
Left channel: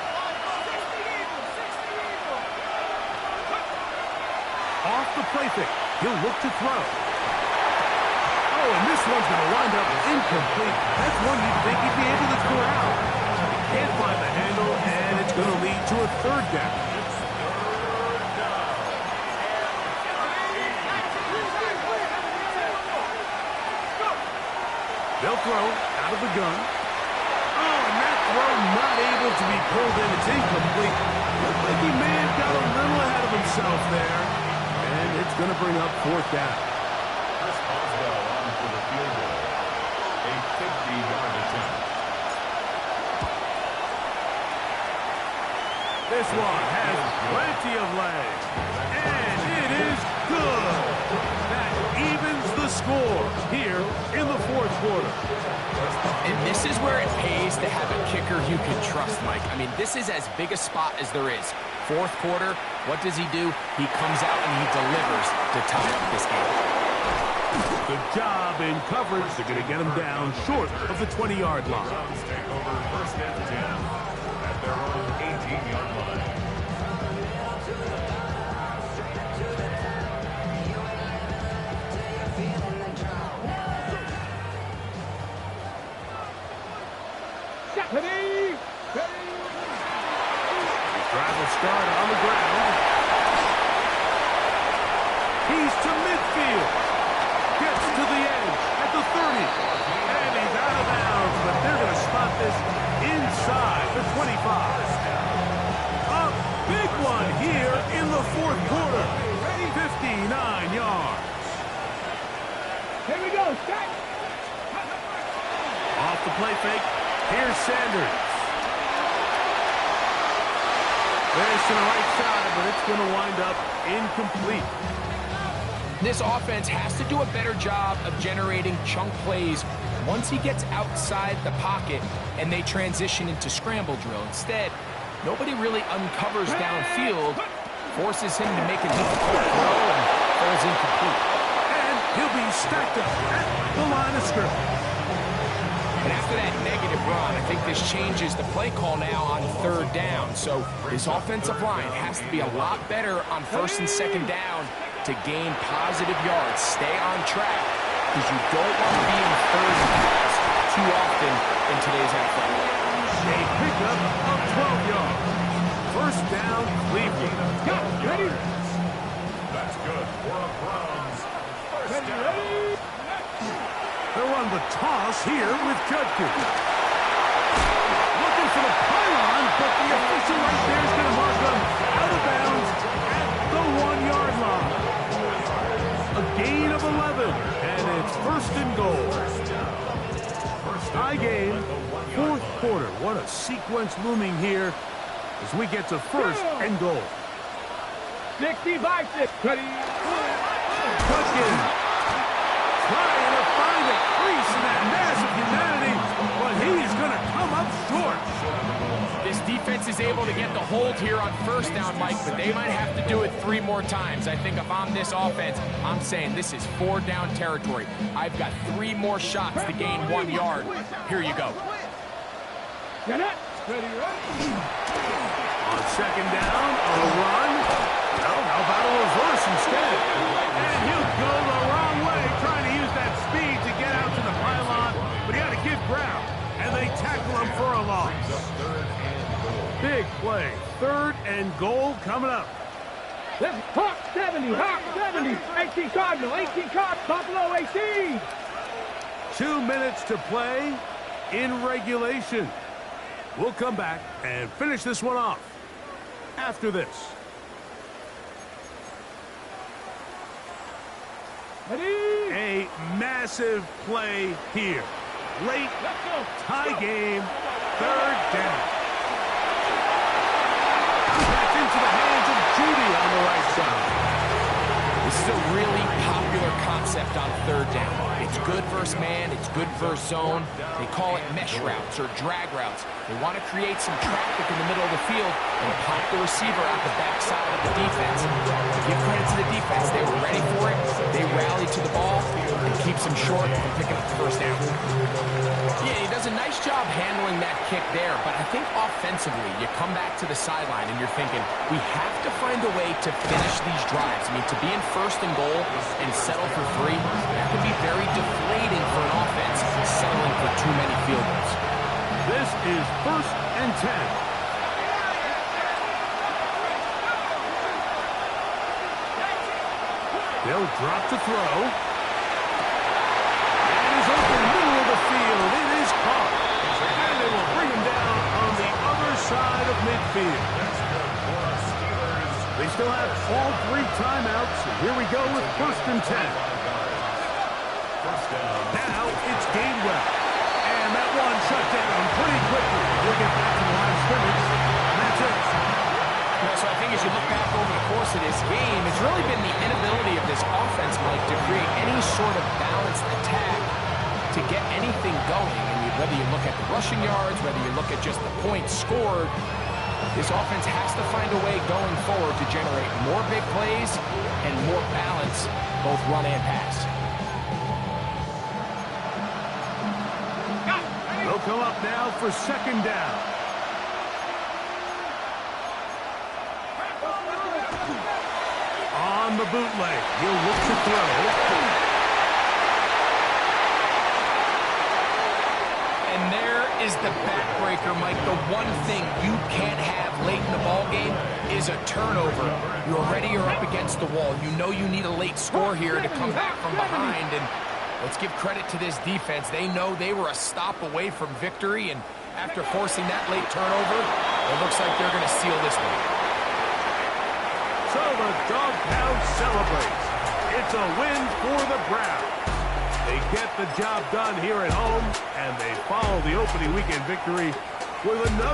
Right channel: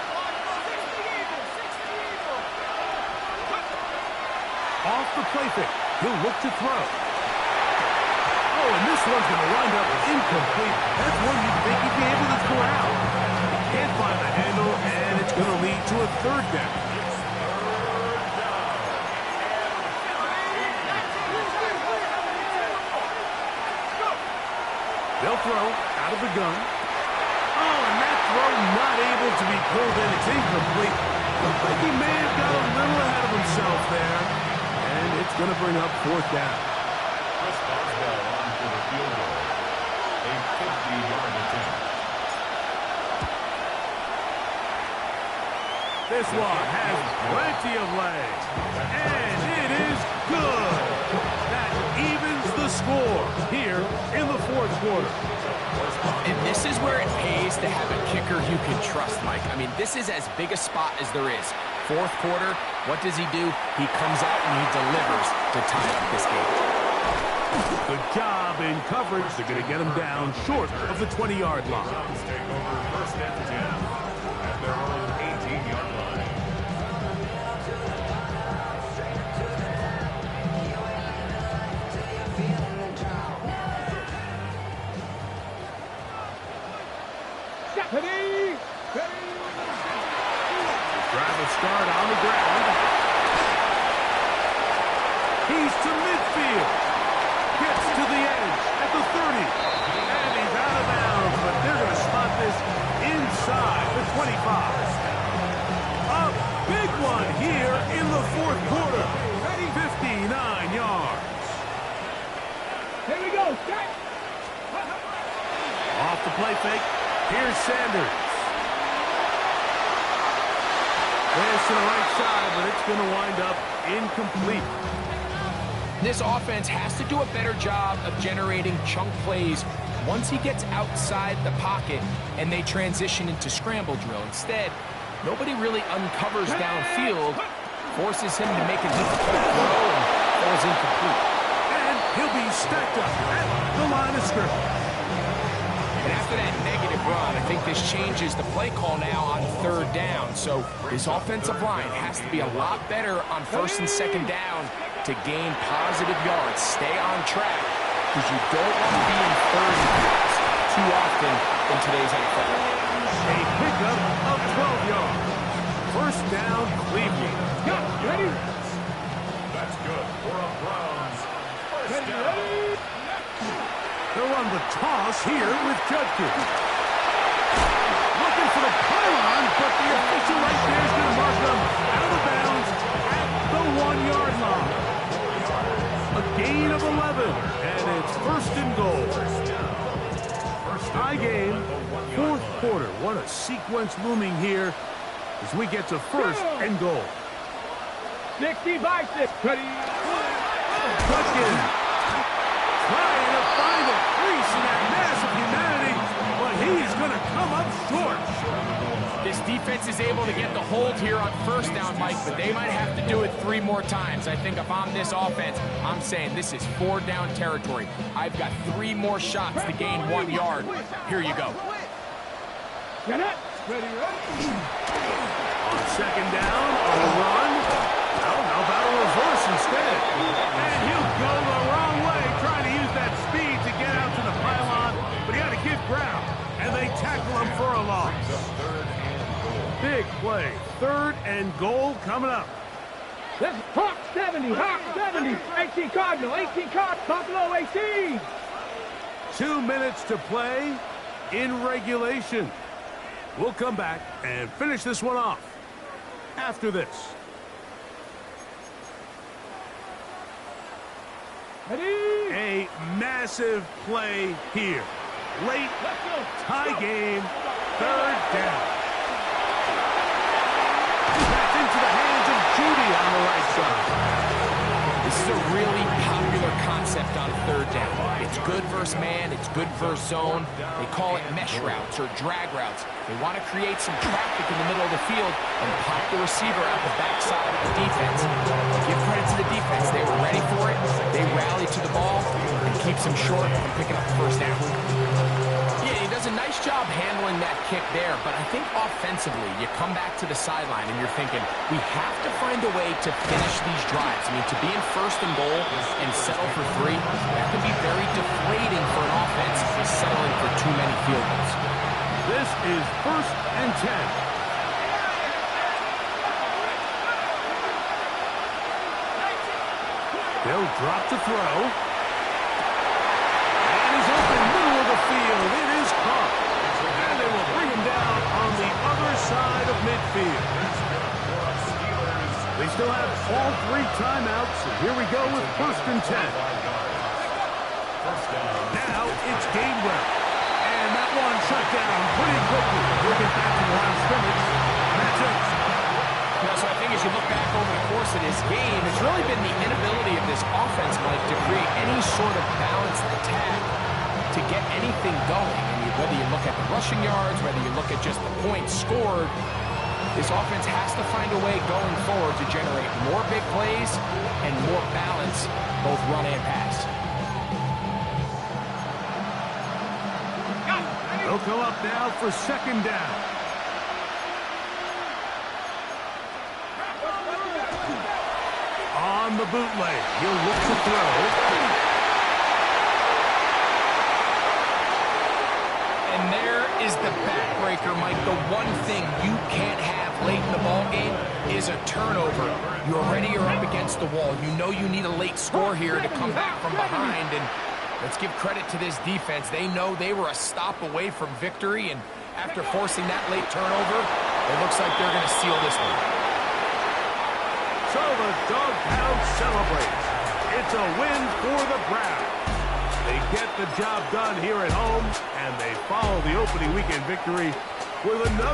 Off the play fake, he'll look to throw. Oh, and this one's going to wind up incomplete. That's one you'd think he'd be able to corral. He can't find the handle, and it's going to lead to a 3rd down. They'll throw out of the gun. Oh, and that throw not able to be pulled in. It's incomplete. Looked like he may have got a little ahead of himself there. And it's going to bring up 4th down. Chris Boswell on for the field goal. A 50-yard attempt. This one has plenty of legs. And it is good. That evens the score here in the 4th quarter. And this is where it pays to have a kicker you can trust, Mike. I mean, this is as big a spot as there is. 4th quarter, what does he do? He comes out and he delivers to tie up this game. Good job in coverage. They're going to get him down short of the 20-yard line. Browns take over 1st and 10 at their own 18-yard line. Ready? Drive will start on the ground. He's to midfield. Gets to the edge at the 30. And he's out of bounds, but they're going to spot this inside the 25. A big one here in the fourth quarter. 59 yards. Here we go. Set. Off the play fake. Here's Sanders. This to the right side, but it's going to wind up incomplete. This offense has to do a better job of generating chunk plays once he gets outside the pocket and they transition into scramble drill. Instead, nobody really uncovers downfield, forces him to make a difficult throw, and falls incomplete. And he'll be stacked up at the line of scrimmage. And after that negative run, I think this changes the play call now on third down. So this offensive line has to be a lot better on first and second down to gain positive yards. Stay on track, because you don't want to be in third and fast too often in today's NFL. A pickup of 12 yards. First down, Cleveland. Ready? That's good for a Browns first down. They'll run the toss here with Judkins. Looking for the pylon, but the official right there is going to mark them out of bounds at the 1 yard line. A gain of 11, and it's first and goal. Tie game, fourth quarter. What a sequence looming here as we get to first and goal. 60 by 6. Ready? Judkins trying to find a crease in that mass of humanity, but he's going to come up short. This defense is able to get the hold here on first down, Mike, but they might have to do it 3 more times. I think if I'm this offense, I'm saying this is 4 down territory. I've got 3 more shots to gain 1 yard. Here you go. Get it. Ready? On second down, a run. Well, how about a reverse instead? And he'll go the wrong way, trying to use that speed to get out to the pylon, but he had to give ground, and they tackle him for a loss. Big play. Third and goal coming up. Let's Hawk 70. Hawk 70. 18 Cardinal. 18 Cardinal. Buffalo 18. 2 minutes to play in regulation. We'll come back and finish this one off after this. Ready? A massive play here. Late Let's go. tie game, third down. That's into the hands of Judy on the right side. This is a really popular concept on third down. It's good versus man, it's good versus zone. They call it mesh routes or drag routes. They want to create some traffic in the middle of the field and pop the receiver out the backside of the defense. To give credit to the defense, they were ready for it. They rallied to the ball and keeps them short from picking up the first down. Yeah, he does a nice job handling that kick there, but I think offensively, you come back to the sideline and you're thinking, we have to find a way to finish these drives. I mean, to be in first and goal and settle for 3, that can be very deflating for an offense settling for too many field goals. This is first and 10. They'll drop to throw. And is open middle of the field. It is caught. And they will bring him down on the other side of midfield. They still have all 3 timeouts. And here we go with first and 10. Now it's Gainwell. And that one shut down pretty quickly. He'll get back to the line of scrimmage. And that's it. You know, so I think as you look back over the course of this game, it's really been the inability of this offense, Mike, to create any sort of balanced attack to get anything going. And whether you look at the rushing yards, whether you look at just the points scored, this offense has to find a way going forward to generate more big plays and more balance, both run and pass. They'll come up now for second down. On the bootleg, he'll look to throw. And there is the backbreaker, Mike. The one thing you can't have late in the ball game is a turnover. You already are up against the wall. You know you need a late score here to come back from behind, and let's give credit to this defense. They know they were a stop away from victory, and after forcing that late turnover, it looks like they're going to seal this one. So the Dogtown celebrates. It's a win for the Browns. They get the job done here at home, and they follow the opening weekend victory with another